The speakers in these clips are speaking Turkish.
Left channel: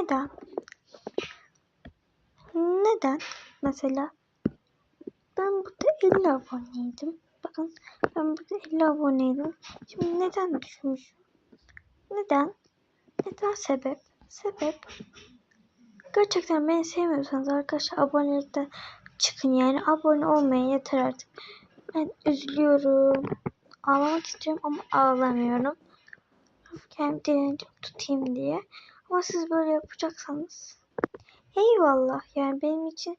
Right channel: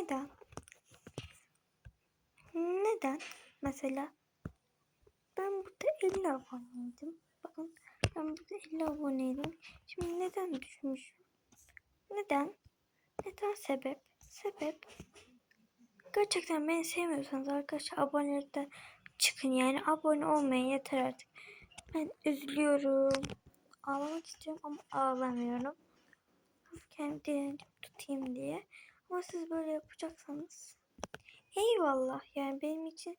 Neden? Neden? Mesela ben burada 50 aboneydim. Bakın ben burada 50 aboneydim. Şimdi neden düşmüş? Neden? Neden sebep? Sebep. Gerçekten beni sevmiyorsanız arkadaşlar abonelikten çıkın yani abone olmayın yeter artık. Ben üzülüyorum. Ağlamak istiyorum ama ağlamıyorum. Kendimi direnci tutayım diye. Ama siz böyle yapacaksanız eyvallah yani benim için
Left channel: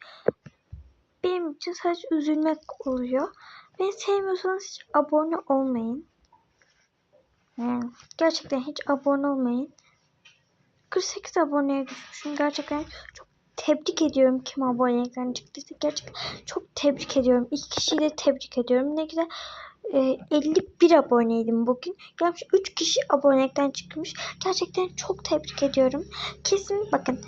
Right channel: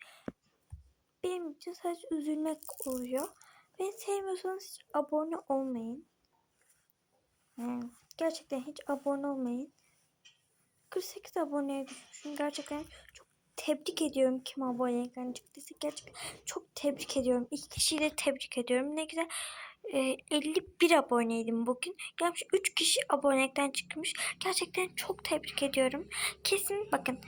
benim için sadece üzülmek oluyor. Beni sevmiyorsanız hiç abone olmayın. Yani gerçekten hiç abone olmayın. 48 aboneye düşmüşüm. Gerçekten çok tebrik ediyorum kim abonelikten çıktıysa. Gerçekten çok tebrik ediyorum. İki kişiyi de tebrik ediyorum. Ne güzel. E, 51 aboneydim bugün. Gelmiş 3 kişi abonelikten çıkmış. Gerçekten çok tebrik ediyorum. Kesin bakın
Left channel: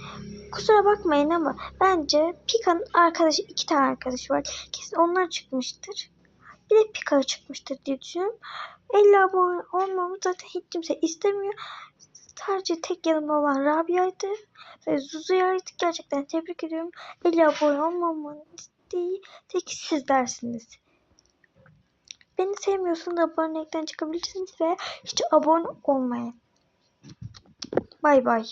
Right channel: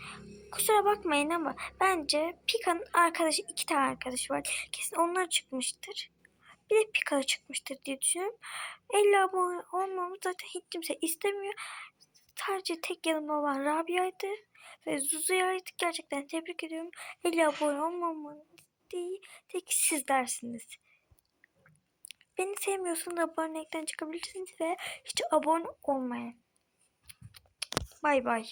kusura bakmayın ama bence Pika'nın arkadaşı iki tane arkadaşı var. Kesin onlar çıkmıştır. Bir de Pika çıkmıştır diye düşünüyorum. 50 abone olmamı zaten hiç kimse istemiyor. Sadece tek yanımda olan Rabia'ydı ve Zuzu'ya gerçekten tebrik ediyorum. 50 abone olmamın isteği tek sizlersiniz. Beni sevmiyorsanız abonelikten çıkabilirsiniz ve hiç abone olmayın. Bay bay.